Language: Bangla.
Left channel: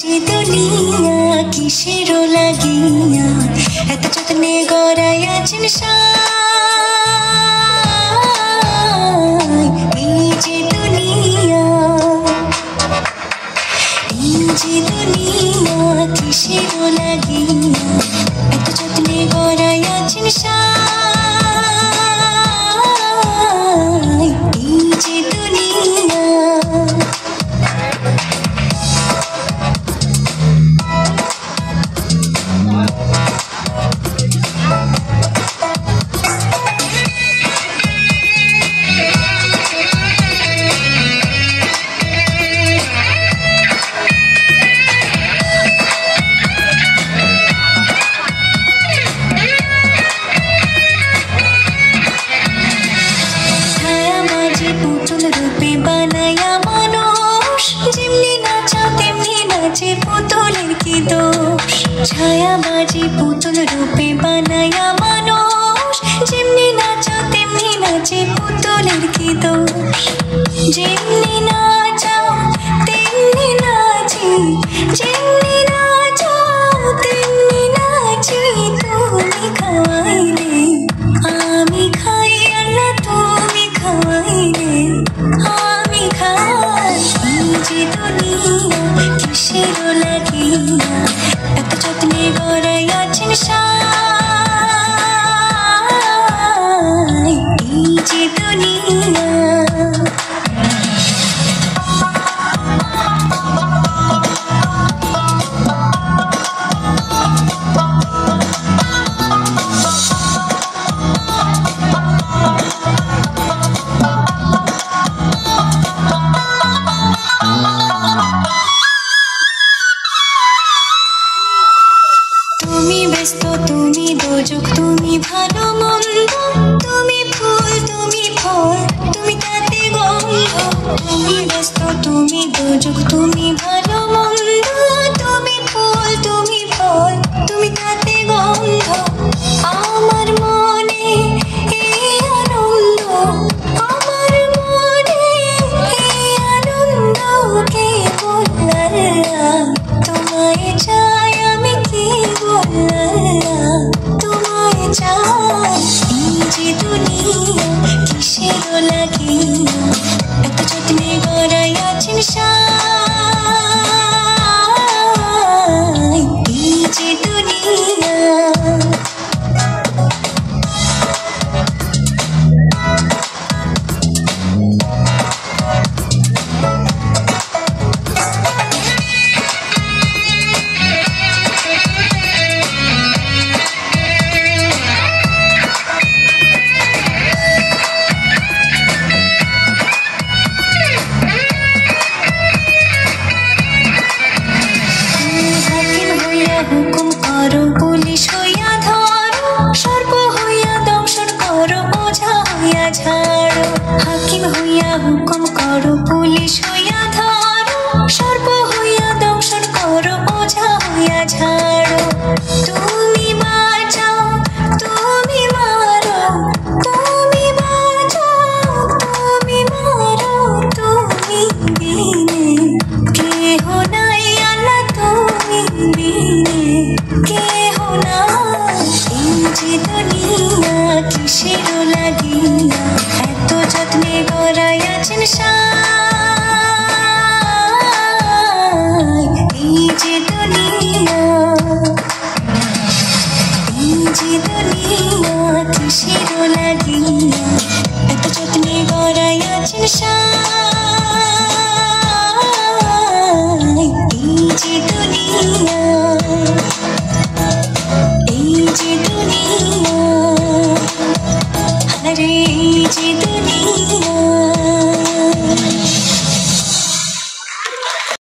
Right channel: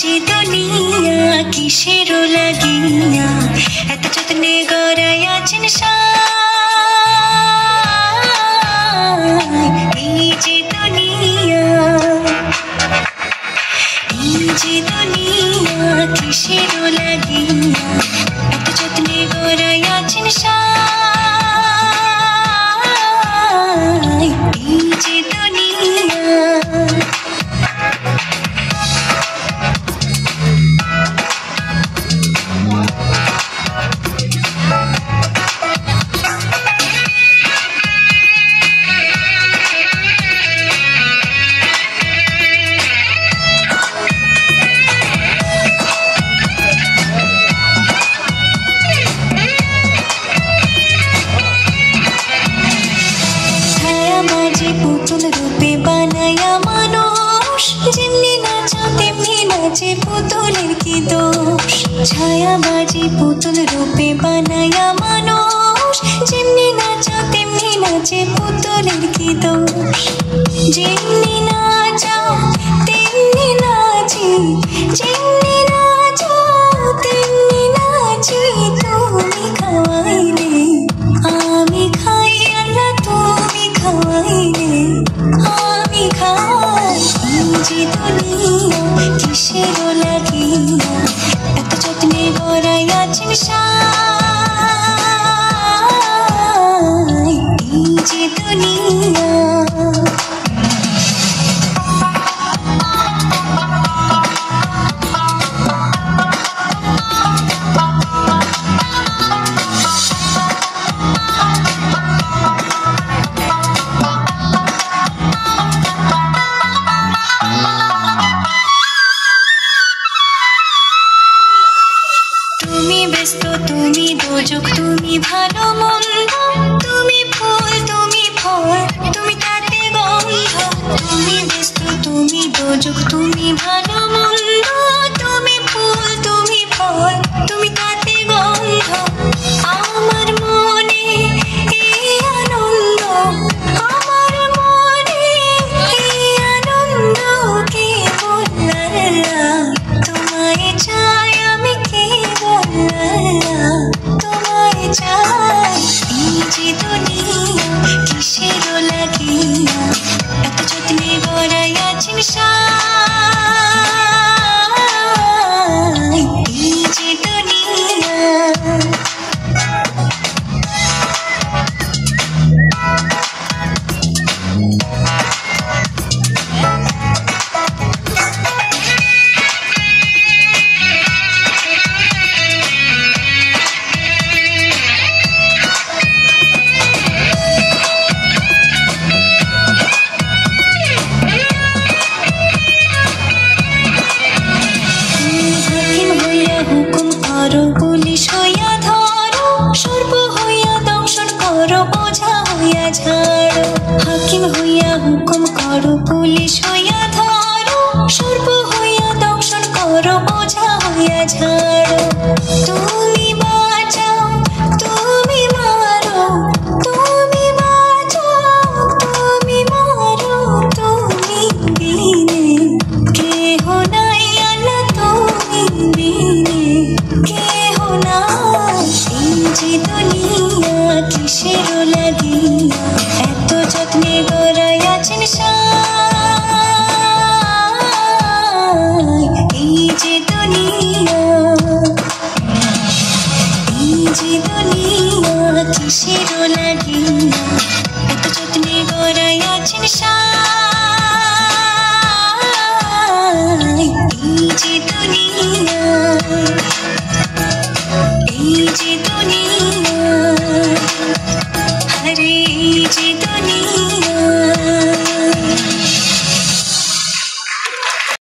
যে দুনিয়া কিসের লাগিয়া এত যত্নে গড়াই আছেন এই যে দুনিয়া কিসের লাগিয়া এত যত্নে গড়াই আছেন এই যে দুনিয়া পুতুল রূপে বানায়া মানুষ যেমনি নাচা তেমনি নাচে পুতুলের কি দোষ ছায়াবাজি পুতুল রূপে বানায়া মানুষ যেমনি নাচা তেমনি নাচে পুতুলের কি দোষ যেমনি নাচা তেমনি নাচি যেমনি নাচা তেমনি নাচি তুমি খাওয়াইলে আমি খাই আর তুমি খাওয়াইলে আমি খাই যে দুনিয়া কিসের লাগিয়া এত যত্নে গড়াই আছেন এই যে দুনিয়া তুমি ব্যস্ত তুমি দোজক তুমি ভালো মন্দ তুমি ফুল তুমি ফল তুমি তাতে গন্ধ তুমি ব্যস্ত তুমি দোজক তুমি ভালো মন্দ তুমি ফুল তুমি ফল তুমি তাতে গন্ধ আমার মনে এই আনন্দ আমার মনে এই আনন্দ কে বললাম তোমায় চাই আমি কে বললাম তোমায় চাই এই যে দুনিয়া কিসের লাগিয়া এত যত্নে গড়াই আছেন এই যে দুনিয়া হুকুম করো পুলিশ হইয়া ধরো সর্ব হইয়া দংশন করো ওঝা হইয়া ঝাড়ো হাকিম হইয়া হুকুম করো পুলিশ হইয়া ধরো সর্ব হইয়া দংশন করো ওঝা হইয়া ঝাড়ো তুমি বাঁচাও তুমি মারো তুমি বাঁচাও তুমি মারো তুমি বিনে কেহ নাই আল্লাহ তুমি বিনে কেহ নাই এই যে দুনিয়া কিসের লাগিয়া এত যত্নে গড়াই আছেন এই যে দুনিয়া কিসের লাগিয়া এত যত্নে গড়াই আছেন